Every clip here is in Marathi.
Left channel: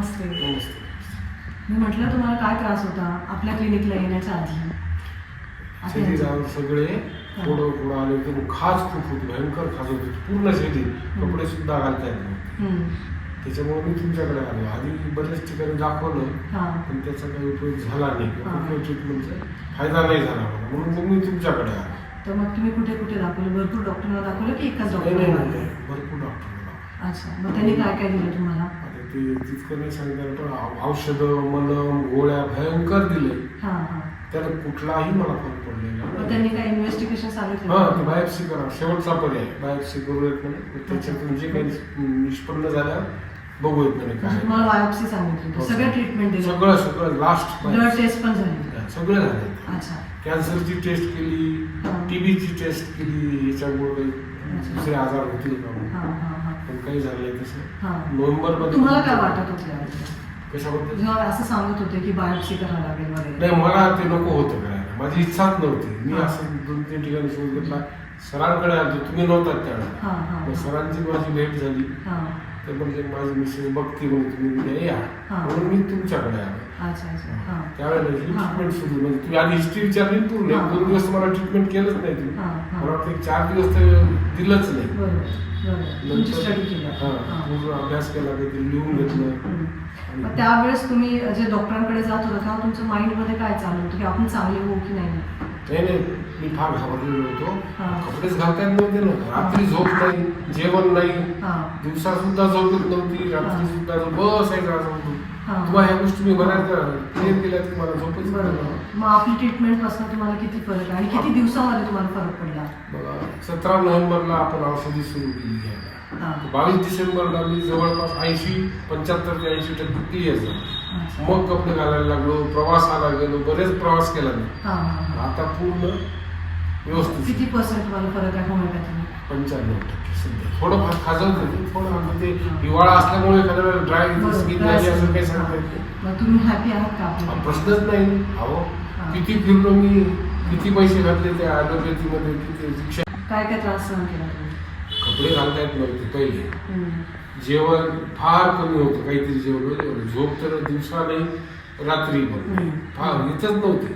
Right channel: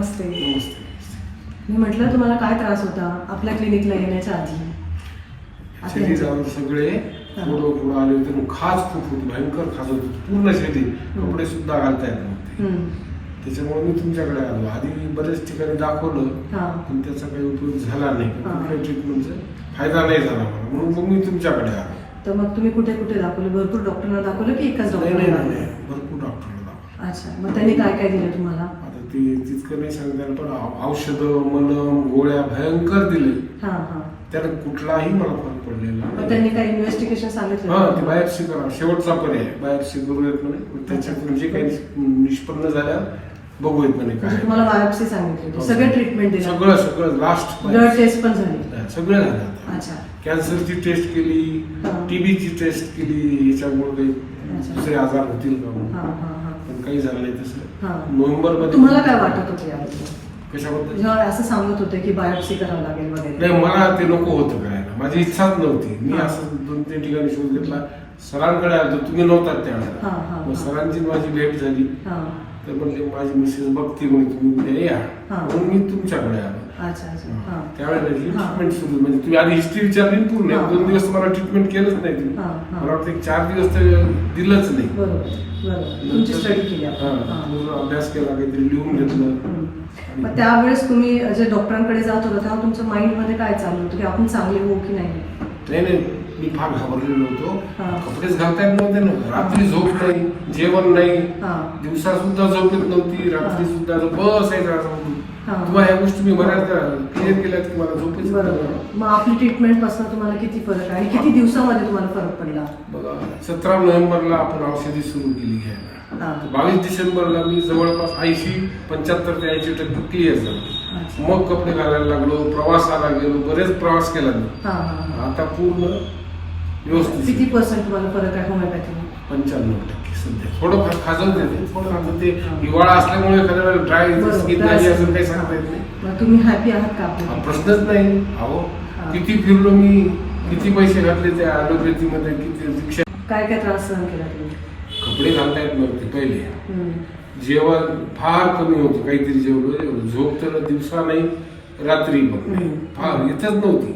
नमस्ते. नमस्ते. मी म्हटलं तुम्हाला काय त्रास होता आपल्या क्लिनिकला येण्याच्या आधी? आता शरीरावर सगळे फोड आले होते, खाज खूप होती, भयंकर खाज होती पूर्ण शरीर, कपडे सुद्धा घालता येत नव्हते. त्याच्यामुळे मी तुमच्याकडे आलो. आधी बरेच ठिकाणी दाखवलं पण त्याचा काही उपयोग झाला नाही, कुठल्या ट्रीटमेंटचा फायदा नाही झाला म्हणून मग मी तुमच्याकडे आलो. तर मग तुम्ही कुठे कुठे दाखवलं? भरपूर डॉक्टरांना दाखवलं की एकाच डॉक्टरला दाखवलं? भरपूर डॉक्टर. अच्छा, मग त्यांनी काय काय दिलं तुम्हाला? आता ती तितकं नाही सांगितलं पण औषधं, मलम, गोळ्या भयंकर दिले. त्याला कुठलाही मला फरक पडलेला. मग त्यांनी काही इन्व्हेस्टिगेशन सांगितलं? हा, ती बायोप्सी करा, शेवटचा पर्याय बायोप्सी करूयात म्हणे. त्याच्यातून जे काही निष्पन्न झालं बघूयात म्हणे. काय तुम्हाला बायोप्सी सांगितलं? सगळं ट्रीटमेंट दिलं? सगळं सगळं लास्ट ब्लड टेस्ट पण झाली? सगळं झालं. अच्छा. कॅन्सरची टेस्ट केली, टीबीची टेस्ट केली, याच्यामुळे दुसरे आजार होतील का पण काही झालं नाही. तसं नोव्हेंबर मध्ये. तुम्हाला काय वाटत होतं कशाबद्दल? जेव्हा असं सांगत होते की बायोप्सी करावं लागेल वगैरे? नाही, मला ते नको होतं करायला, माझी इच्छाच नव्हती. मी असं 2-3 ठिकाणी शोध घेतला, सरांकडे आलो, तुम्ही नव्हतात त्यावेळेला. सरांची माझी भेट झाली तर म्हणजे माझी मिसेस बघती म्हणजे तुम्ही या म्हणून मी तुमच्याकडे आलो. त्यावेळेला ट्रीटमेंट सुरू म्हणजे तुम्ही आधी हिस्ट्री विचारली पूर्ण. 1-2 दिवस मला ट्रीटमेंट केलंच नाही तुम्ही. मला वाटतं 4 दिवस तर दिलंच नाही. पूर्ण अभ्यास केला, काहीतरी लिहून घेतलं. मग त्यावेळेस तुम्ही जे डॉक्टरांकडे जात होता तेव्हा तुमच्या माइंड मध्ये काय चालू होतं की आपण चांगले होऊ की नाही? नाही, मी फार घाबरलेलो होतो. कपडेच घालता येत नव्हते ना, रात्री झोप नाही, जेवण नाही, दिवसा सुद्धा झोप येत नव्हती, रात्री सुद्धा बसायचं. तुम्हाला या गोष्टी मी बऱ्याच क्लिअर केल्यात की मला झोपच. मग आपली ट्रीटमेंट पासून तुम्हाला किती फरक आहे आणि किती दिवसामध्ये तुम्हाला फरक पडला? बघा, 17 नोव्हेंबरला आपण औषधी सुरू केली आहे. 22 डिसेंबरला मी जवळपास 80-75 ते 80% क्लिअर झालो. मग कपडे घालायला लागलो, प्रवासाला गेलो, बरेच प्रवास केला मी. आता पूर्ण व्यवस्थित. किती % तुम्हाला फरक आहे होमिओपॅथीने? 95% सध्या. थोडं खाजवत नाही, थोडं आता ते हिवाळा असल्यामुळे एखाद्या ड्राय स्किन झाली असेल काही सांगता येत नाही. मग तुम्ही हॅपी आहात का आपल्या? प्रश्नच नाही. अहो, किती फिरलो मी, किती पैसे घातले त्या ॲलोपॅथीमध्ये, किती काय काय त्रास सहन केला तुम्ही? कपडे घालता येत नव्हते पहिले, जेवण फार कमी होतं, काहीतरी जेवढं, झोप तर दिवसा नाही रात्री पण फार येतच नव्हती.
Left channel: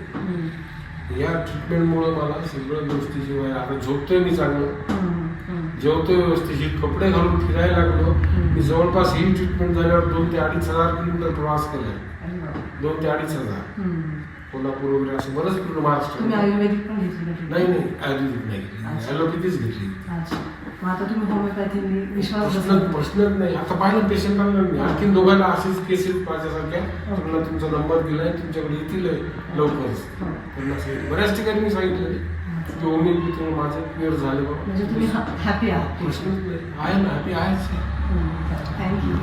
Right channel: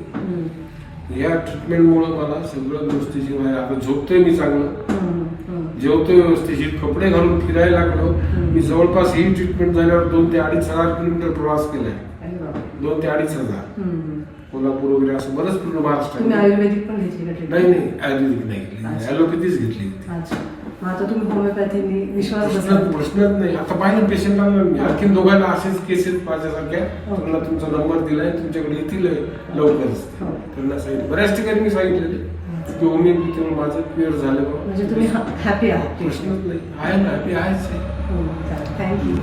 या ट्रीटमेंटमुळे मला सगळ्या गोष्टीची आता झोपतोय मी चांगलं, जेवतोय व्यवस्थित, कपडे घालून फिरायला लागलो. मी जवळपास ही ट्रीटमेंट झाल्यावर 2,000 ते 2,500 किलोमीटर प्रवास केलाय. 2,000 ते 2,500 कोल्हापूर वगैरे असं बरंच पूर्ण महाराष्ट्रात. आयुर्वेदिक पण घेतली? नाही, आयुर्वेदिक नाही, ॲलोपॅथीच घेतली. आता तुम्ही होमिओपॅथीने विश्वास? प्रश्नच नाही. आता पाहिलं पेशंट आणखी दोघांना असेच केसेस माझ्यासारख्या, त्यांना तुमचा नंबर दिलाय, तुमच्याकडे येतील लवकरच. त्यांना सांगितलं, बऱ्याच ठिकाणी मी सांगितलेले की होमिओपॅथीमुळे माझं क्लिअर झालं. म्हणजे तुम्ही हॅपी आहात? प्रश्नच नाही, आहे ना, हॅपी आहेच. थँक्यू.